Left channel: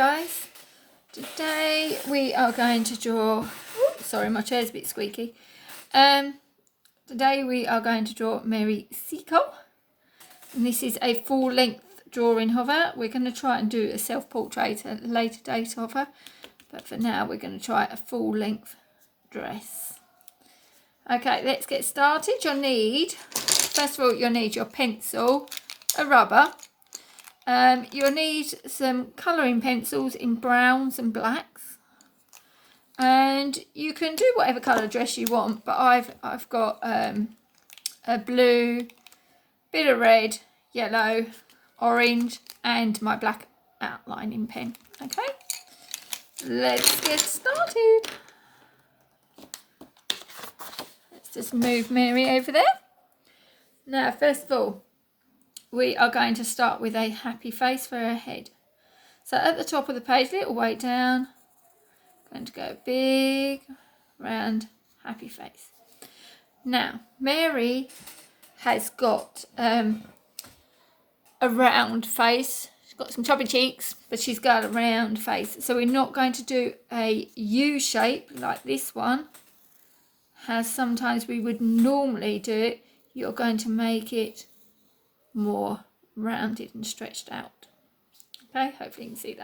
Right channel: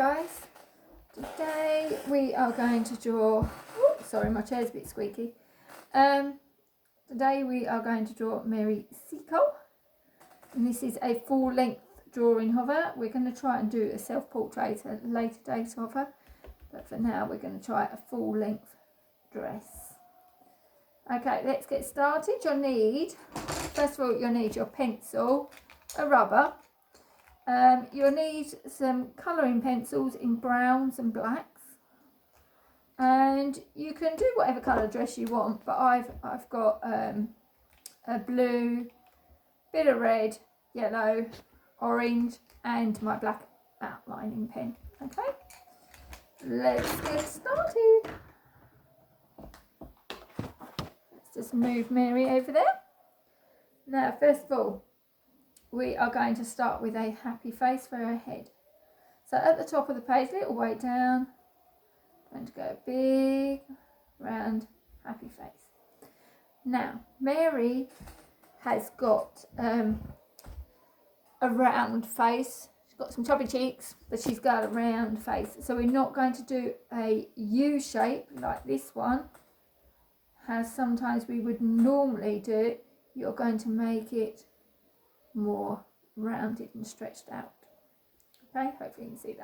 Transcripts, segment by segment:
guys, today we are going to draw, sorry my chair's a bit squeaky, today we are going to draw Mary Seacole, and this is a full length drawing of her. We're going to try and do a self-portrait at a later date of her, but for now we're going to try a full length dress. Okay, let's get started. First of all, you'll need your pencil, a rubber. You'll need some colouring pencils in browns and blacks, and you can do whatever colour dress you want, but I've got a blue, bit of red, yellow, orange, and my black outlining pen. Okay, let's get started. Let's just move Mary over there. Now, first of all, we are going to start with a happy face for her head. So at the top of the page, little way down, going to go big, round, happy face. Now, Mary has got a round face. She's got some chubby cheeks, but she's got a round face. So we're not going to do a U shape like this one, as sometimes we would normally do it. You're going to make it more rounded and stretched out. Okay, hopefully you can see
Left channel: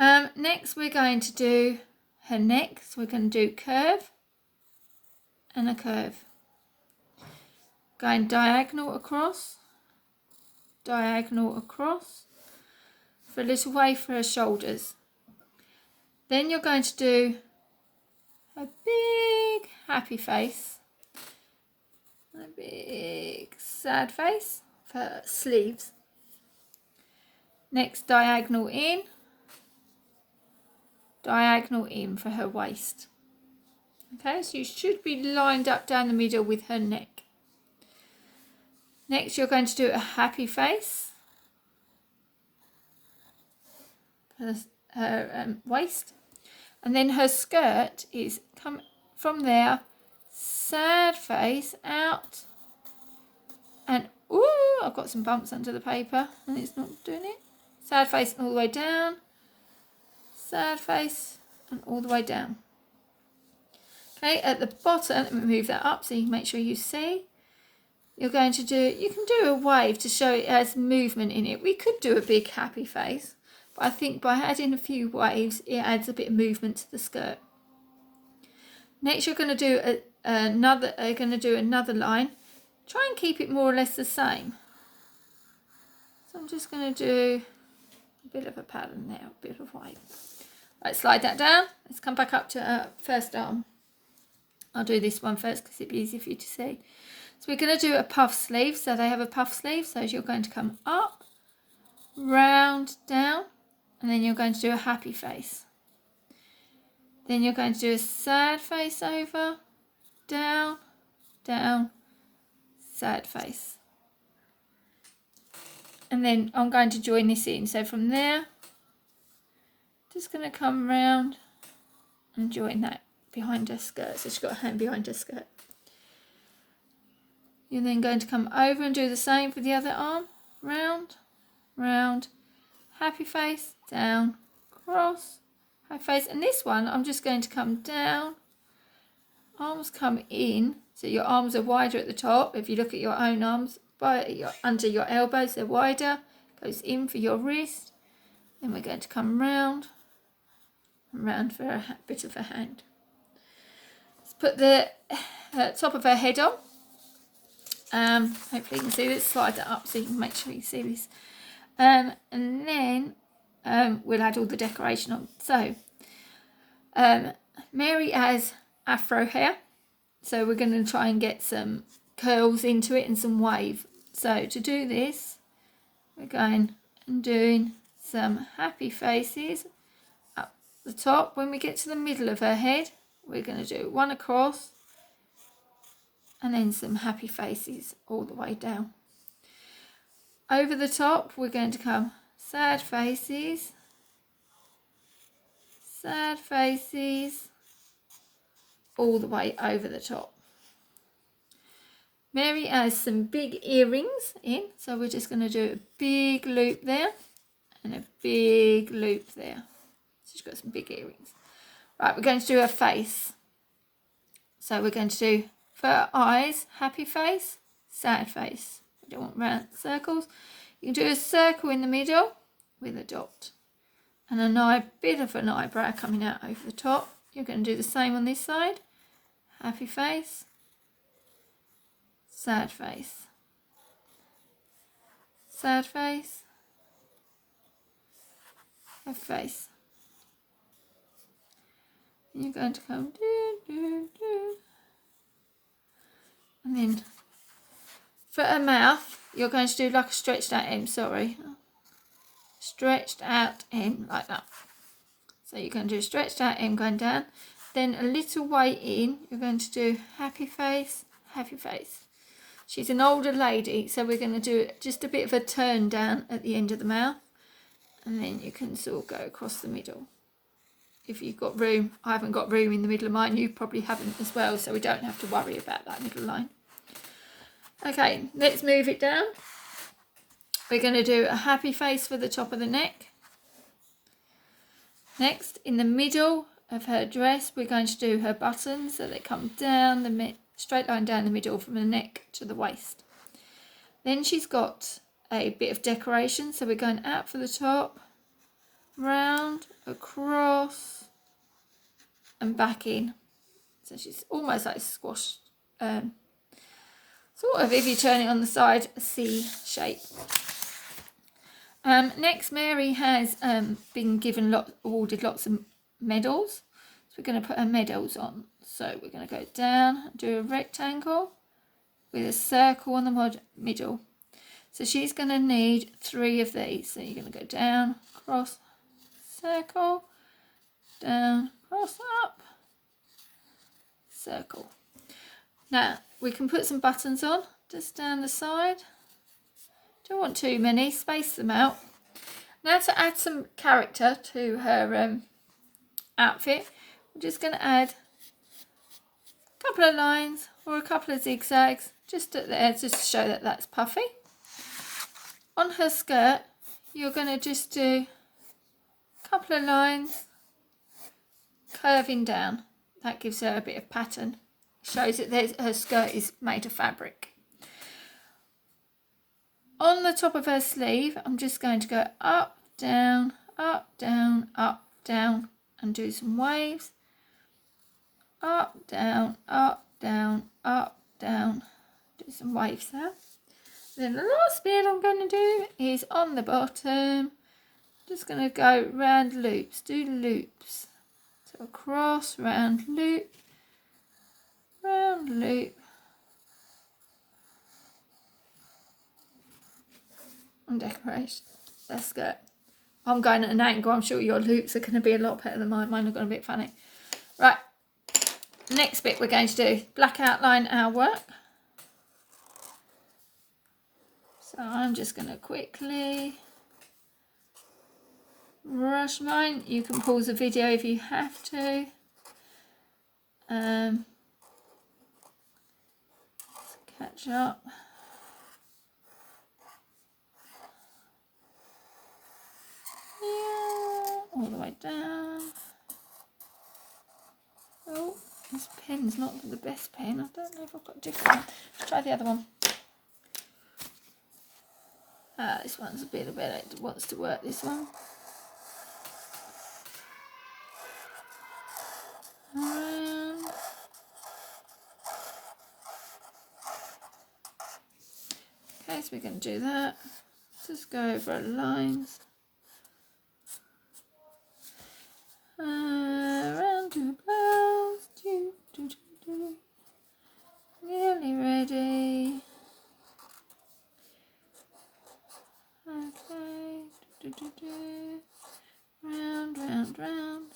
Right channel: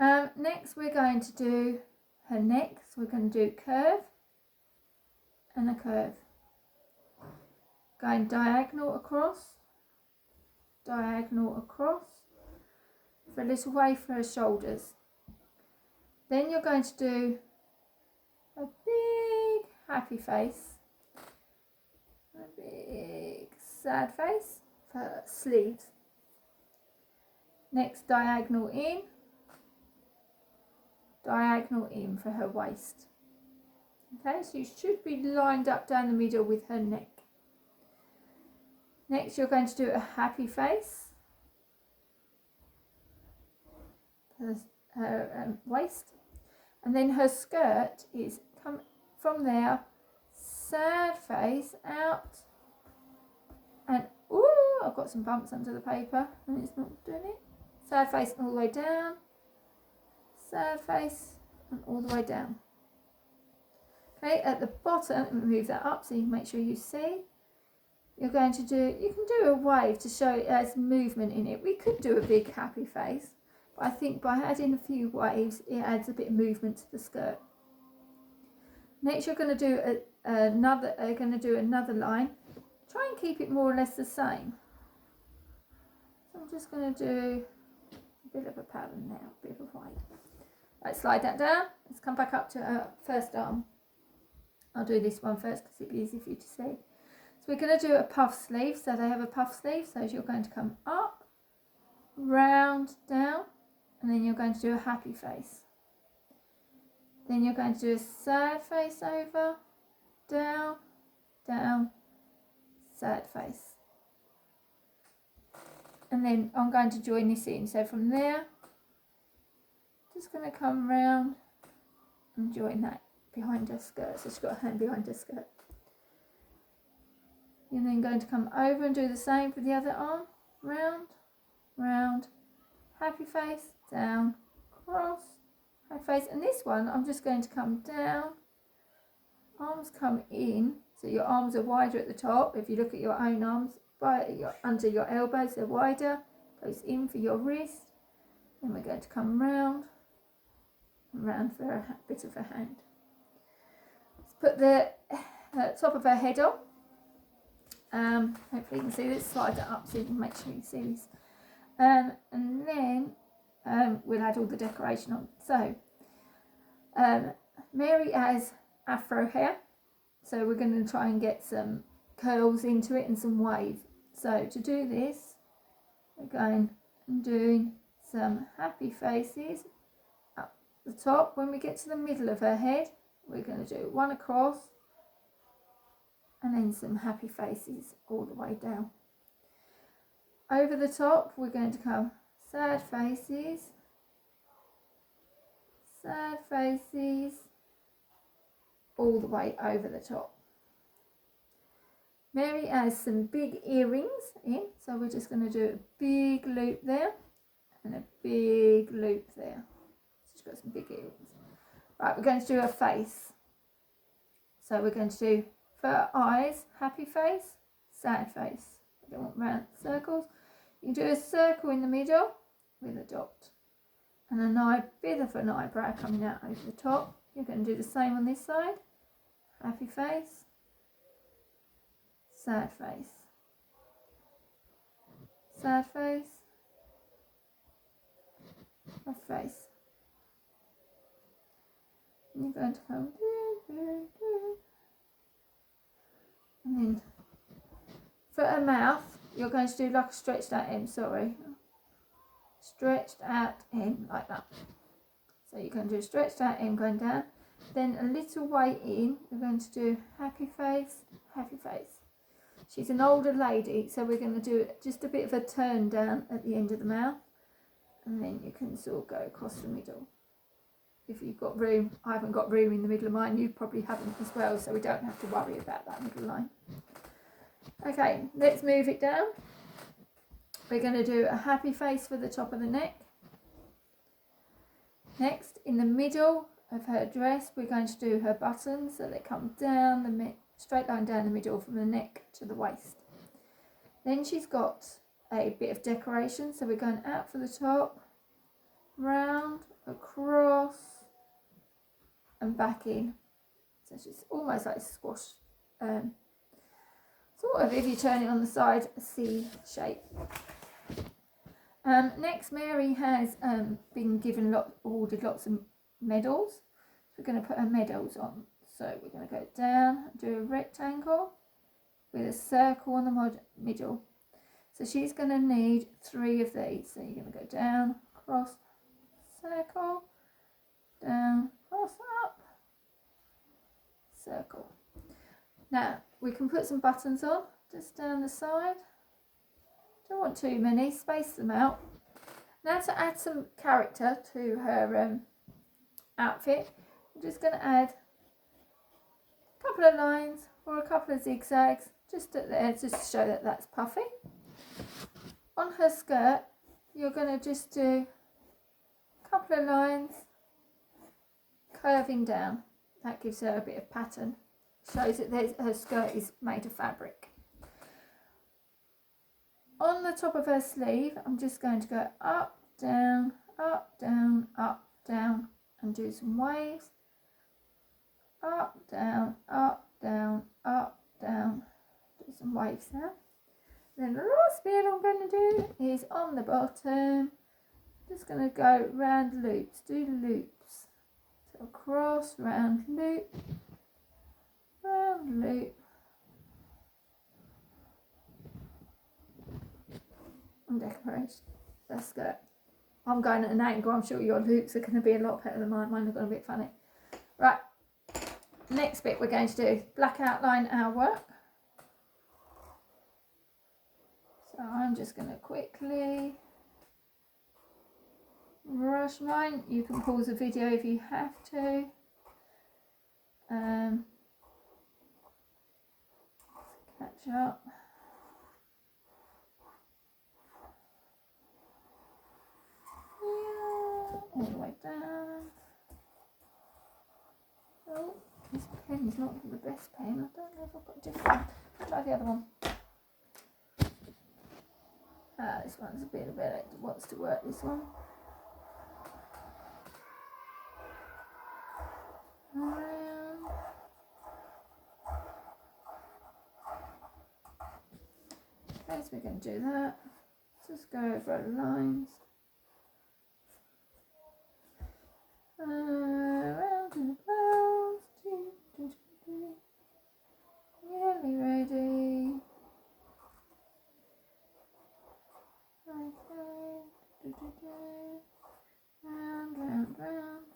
that. Next we're going to do her neck. So we're going to do curve and a curve. Going diagonal across for a little wave for her shoulders. Then you're going to do a big happy face, a big sad face for sleeves. Next, diagonal in for her waist. Okay, so you should be lined up down the middle with her neck. Next, you're going to do a happy face for her waist, and then her skirt is come from there, sad face out, and ooh, I've got some bumps under the paper and it's not doing it. Sad face all the way down, sad face and all the way down. Okay, at the bottom, let me move that up so you can make sure you see. You're going to do, you can do a wave to show it has movement in it. We could do a big happy face, but I think by adding a few waves, it adds a bit of movement to the skirt. Next, you're going to do another line. Try and keep it more or less the same. So I'm just going to do a bit of a pattern there, a bit of wave. Right, slide that down. Let's come back up to first arm. I'll do this one first because it'll be easy for you to see. So we're going to do a puff sleeve. So they have a puff sleeve. So you're going to come up, round, down, and then you're going to do a happy face. Then you're going to do a sad face over, down, down, sad face. And then I'm going to join this in. So from there, just going to come round and join that behind her skirt. So she's got a hand behind her skirt. You're then going to come over and do the same for the other arm. Round, round, happy face, down, cross, happy face. And this one, I'm just going to come down, arms come in. So your arms are wider at the top. If you look at your own arms, under your elbows, they're wider. Goes in for your wrist. Then we're going to come round and round for a bit of a hand. Let's put the top of her head on. Hopefully you can see this. Slide that up so you can make sure you see this. And then we'll add all the decoration on. So Mary has afro hair. So we're going to try and get some curls into it and some wave. So to do this, we're going and doing some happy faces up the top. When we get to the middle of her head, we're going to do one across and then some happy faces all the way down. Over the top, we're going to come sad faces, all the way over the top. Mary has some big earrings in, so we're just going to do a big loop there and a big loop there. She's got some big earrings. Right, we're going to do her face. So we're going to do, for her eyes, happy face, sad face. We don't want round circles. You can do a circle in the middle with a dot. And a bit of an eyebrow coming out over the top. You're going to do the same on this side. Happy face, sad face, sad face, happy face. And you're going to come and then for a mouth, you're going to do like a stretched out M, stretched out M like that. So you're going to do a stretched out M going down. Then a little way in, you're going to do happy face, happy face. She's an older lady, so we're going to do just a bit of a turn down at the end of the mouth. And then you can sort of go across the middle. If you've got room, I haven't got room in the middle of mine, you probably haven't as well, so we don't have to worry about that middle line. Okay, let's move it down. We're going to do a happy face for the top of the neck. Next, in the middle of her dress, we're going to do her buttons, so they come down the straight line down the middle from the neck to the waist. Then she's got a bit of decoration, so we're going out for the top, round, across, and back in. So she's almost like squashed, sort of, if you turn it on the side, a C shape. Next, Mary has been awarded lots of medals. So we're going to put her medals on. So we're going to go down, do a rectangle with a circle on the middle. So she's going to need 3 of these. So you're going to go down, cross, circle, down, cross, up, circle. Now we can put some buttons on just down the side. Don't want too many, space them out. Now to add some character to her outfit, I'm just going to add a couple of lines or a couple of zigzags just at there, just to show that that's puffy. On her skirt, you're going to just do a couple of lines curving down. That gives her a bit of pattern. Shows that her skirt is made of fabric. On the top of her sleeve, I'm just going to go up, down, up, down, up, down, and do some waves. Up, down, up, down, up, down. Do some waves there. Then the last bit I'm going to do is on the bottom. Just going to go round loops, do loops. So across, round loop, round loop. And decoration. That's good. I'm going at an angle. I'm sure your loops are going to be a lot better than mine. Mine are going to be a bit funny. Right. Next bit we're going to do black outline our work. So I'm just going to quickly brush mine. You can pause the video if you have to. Catch up. All the way down. Oh, this pen's not the best pen. I don't know if I've got a different one. Let's try the other one. This one's a bit better. It wants to work, this one. Okay, so we're going to do that. Just go over our lines. Round to blouse, nearly ready. Okay, round, round, round.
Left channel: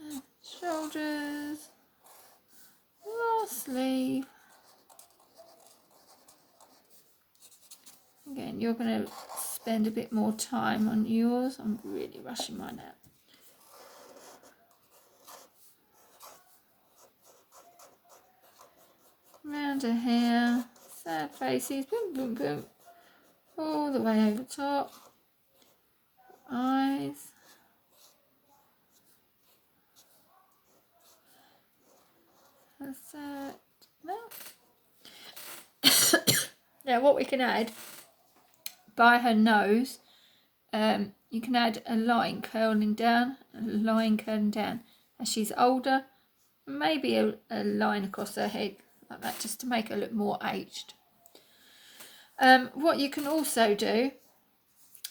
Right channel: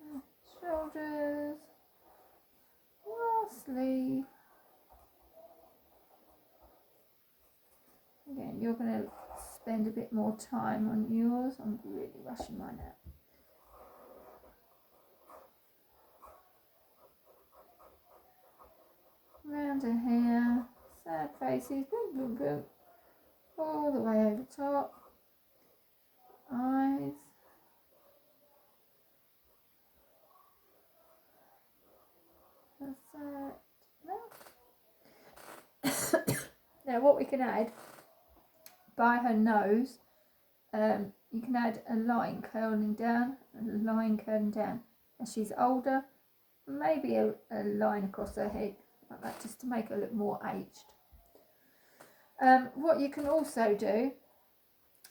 And shoulders, last sleeve. Again, you're going to spend a bit more time on yours. I'm really rushing mine out. Round her hair, sad faces, boom, boom, boom, all the way over top. eyes. That's it. Now what we can add by her nose, you can add a line curling down, as she's older. Maybe a line across her head like that, just to make her look more aged. What you can also do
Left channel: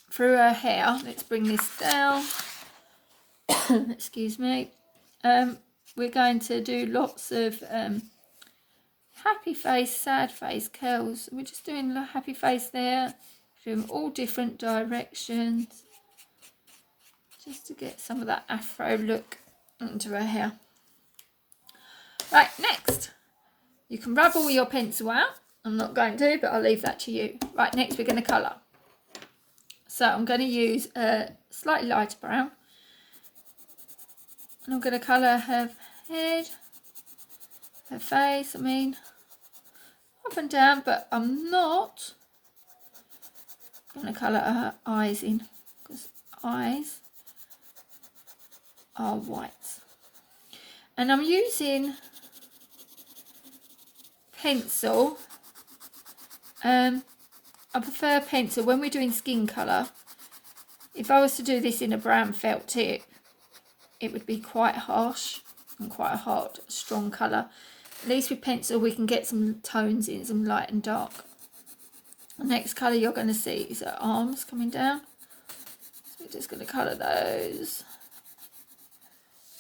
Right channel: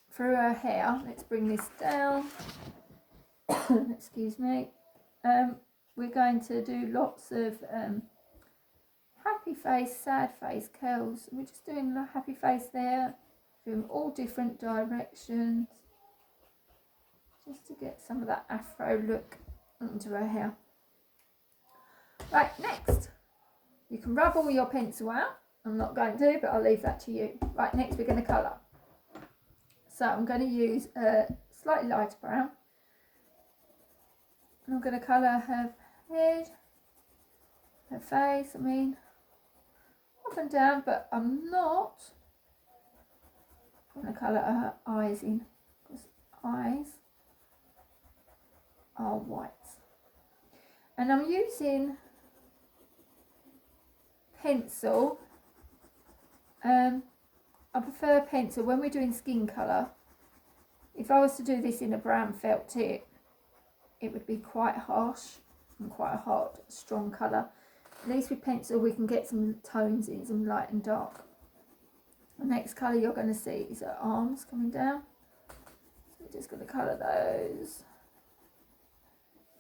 through her hair, let's bring this down. Excuse me. We're going to do lots of happy face, sad face curls. We're just doing the happy face there, doing all different directions, just to get some of that afro look into her hair. Right, next, you can rub all your pencil out. I'm not going to, but I'll leave that to you. Right, next we're going to colour. So I'm going to use a slightly lighter brown. And I'm going to colour her head, her face, up and down, but I'm not going to colour her eyes in, because eyes are white. And I'm using pencil. I prefer pencil when we're doing skin colour. If I was to do this in a brown felt tip, it would be quite harsh and quite a hot, strong colour. At least with pencil we can get some tones in, some light and dark. The next colour you're going to see is her arms coming down. So we're just going to colour those.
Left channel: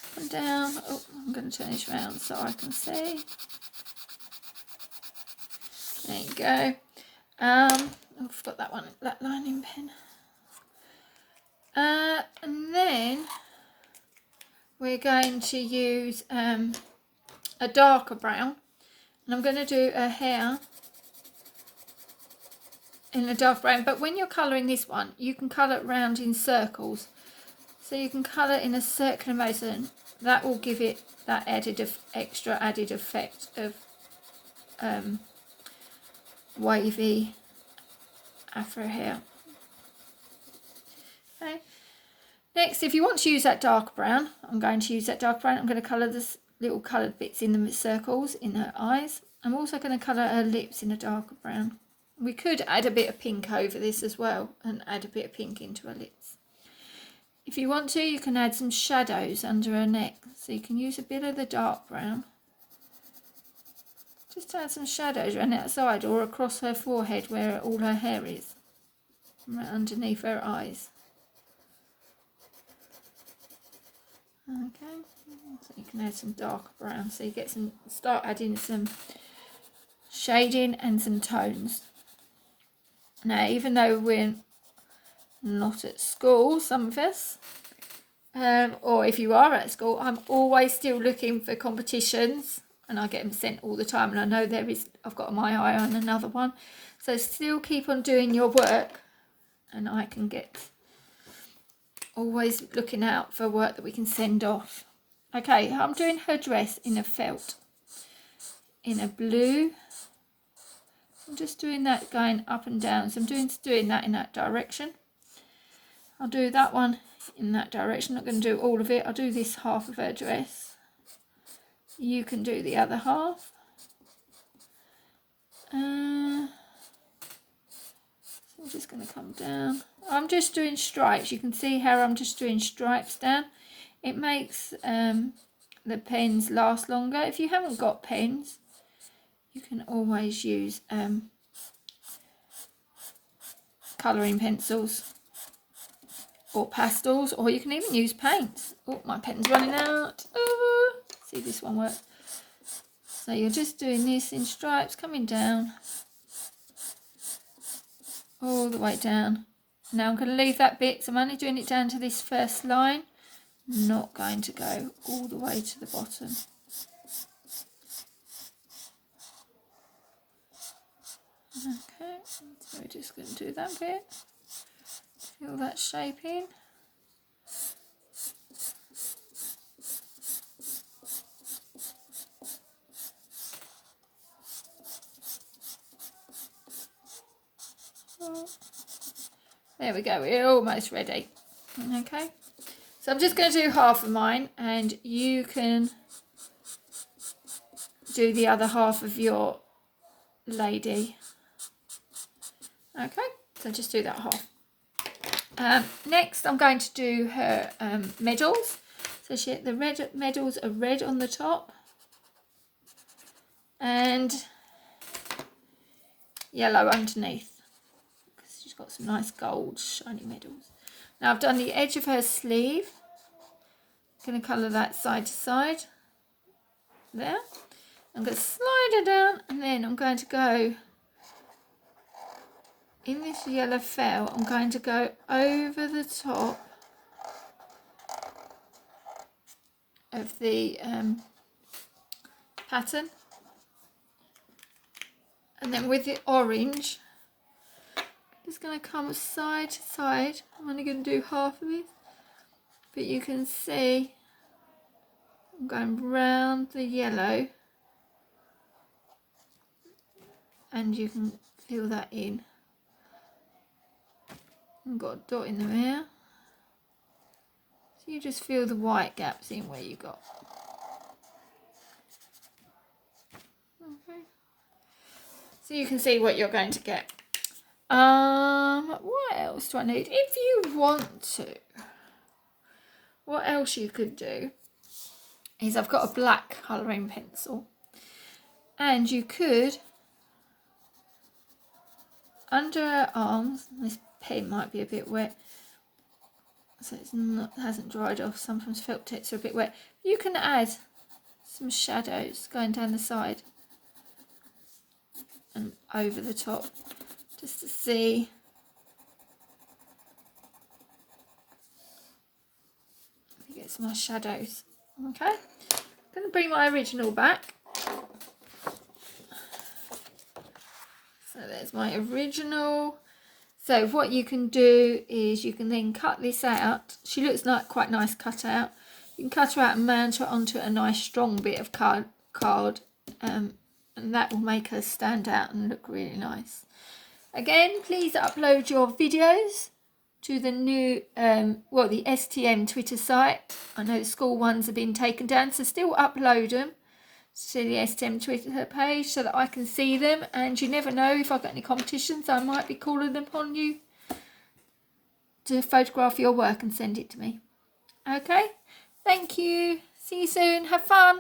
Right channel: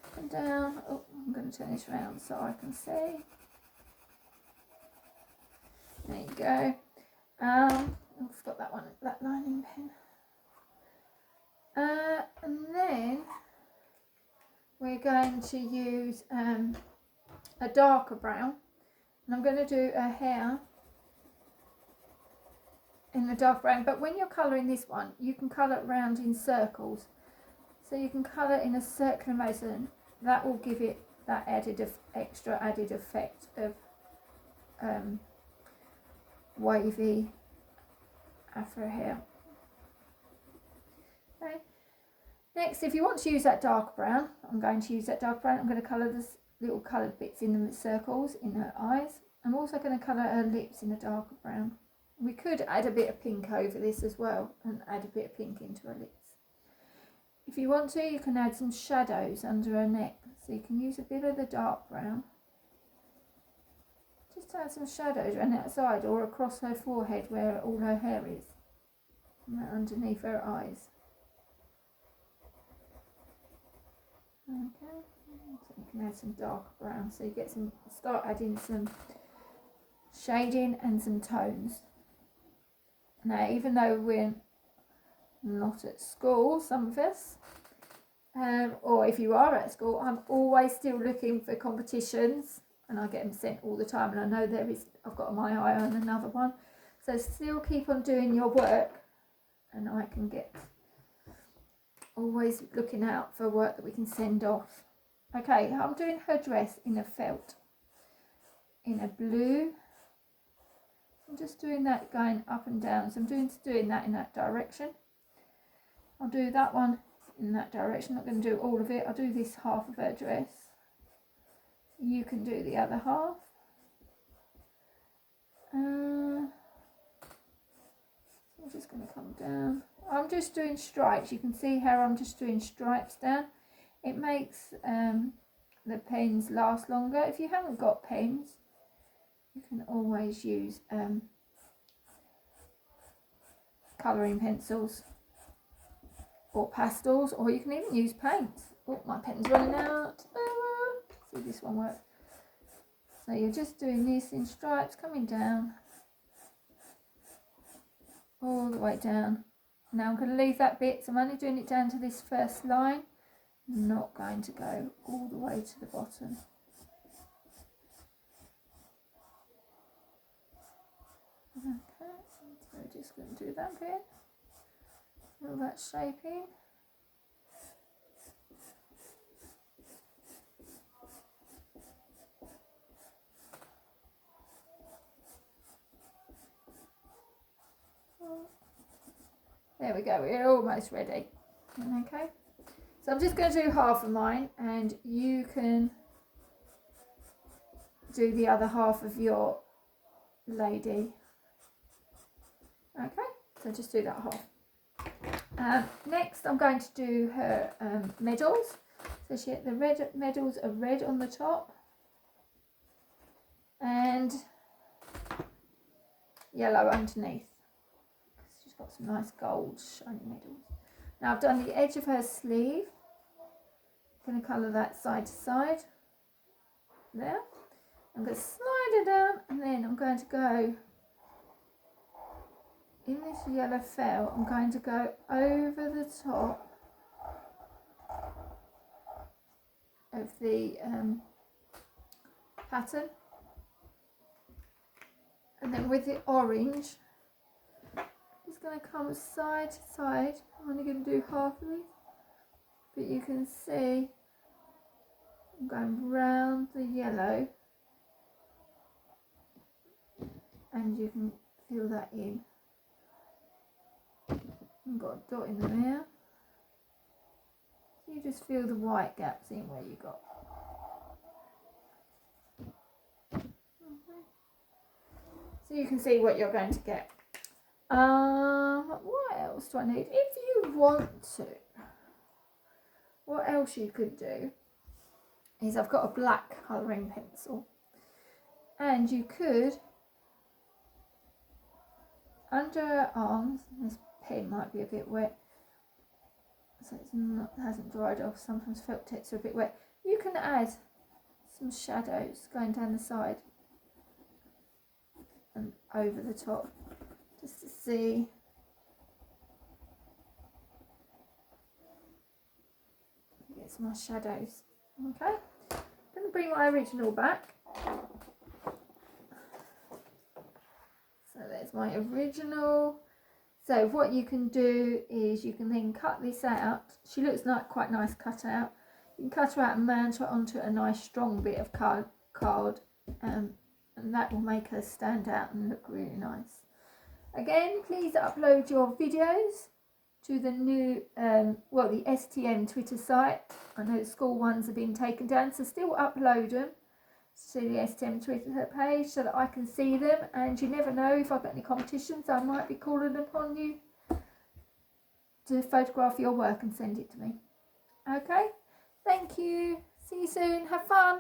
Up and down. Oh, I'm going to turn this around so I can see. There you go. Oh, I forgot that one, that lining pen. And then we're going to use a darker brown, and I'm going to do her hair in a dark brown. But when you're colouring this one, you can colour it round in circles, so you can colour in a circular motion. That will give it that extra added effect of wavy afro hair. Okay. Next, if you want to use that dark brown, I'm going to use that dark brown. I'm going to colour the little coloured bits in the circles in her eyes. I'm also going to colour her lips in a darker brown. We could add a bit of pink over this as well, and add a bit of pink into her lips. If you want to, you can add some shadows under her neck. So you can use a bit of the dark brown. Just add some shadows around the outside or across her forehead where all her hair is. Right underneath her eyes. Okay, so you can add some darker brown. So you get start adding some shading and some tones. Now, even though we're not at school, some of us, or if you are at school, I'm always still looking for competitions, and I get them sent all the time, and I know I've got my eye on another one. So still keep on doing your work, and I can get always looking out for work that we can send off. Okay, I'm doing her dress in a felt, in a blue. I'm just doing that going up and down, so I'm doing that in that direction. I'll do that one in that direction. I'm not going to do all of it. I'll do this half of her dress. You can do the other half. I'm just going to come down. I'm just doing stripes. You can see how I'm just doing stripes down. It makes the pens last longer. If you haven't got pens, you can always use colouring pencils or pastels, or you can even use paints. Oh, my pen's running out. See, this one works. So you're just doing this in stripes, coming down all the way down. Now I'm going to leave that bit, so I'm only doing it down to this first line, not going to go all the way to the bottom. Okay, so we're just going to do that bit, fill that shape in. There we go, we're almost ready. Okay, so I'm just going to do half of mine, and you can do the other half of your lady. Okay, so just do that half. Next, I'm going to do her medals. So the red medals are red on the top and yellow underneath. She's got some nice gold shiny medals. Now I've done the edge of her sleeve. I'm going to colour that side to side. There. I'm going to slide her down, and then I'm going to go in this yellow felt. I'm going to go over the top of the pattern, and then with the orange, it's going to come side to side. I'm only going to do half of this, but you can see I'm going round the yellow, and you can fill that in. I've got a dot in the middle, so you just fill the white gaps in where you got. Okay. So you can see what you're going to get. What else do I need? If you want to, what else you could do is I've got a black colouring pencil, and you could, under her arms, this pen might be a bit wet, so it hasn't dried off. Sometimes felt tips are a bit wet. You can add some shadows going down the side and over the top, just to see. Let me get some nice shadows. Okay, I'm going to bring my original back. So there's my original. So what you can do is you can then cut this out. She looks like quite nice cut out. You can cut her out and mount her onto a nice strong bit of card, and that will make her stand out and look really nice. Again, please upload your videos to the new, the STM Twitter site. I know the school ones have been taken down, so still upload them to the STM Twitter page so that I can see them, and you never know, if I've got any competitions, I might be calling upon you to photograph your work and send it to me. Okay, thank you, see you soon, have fun.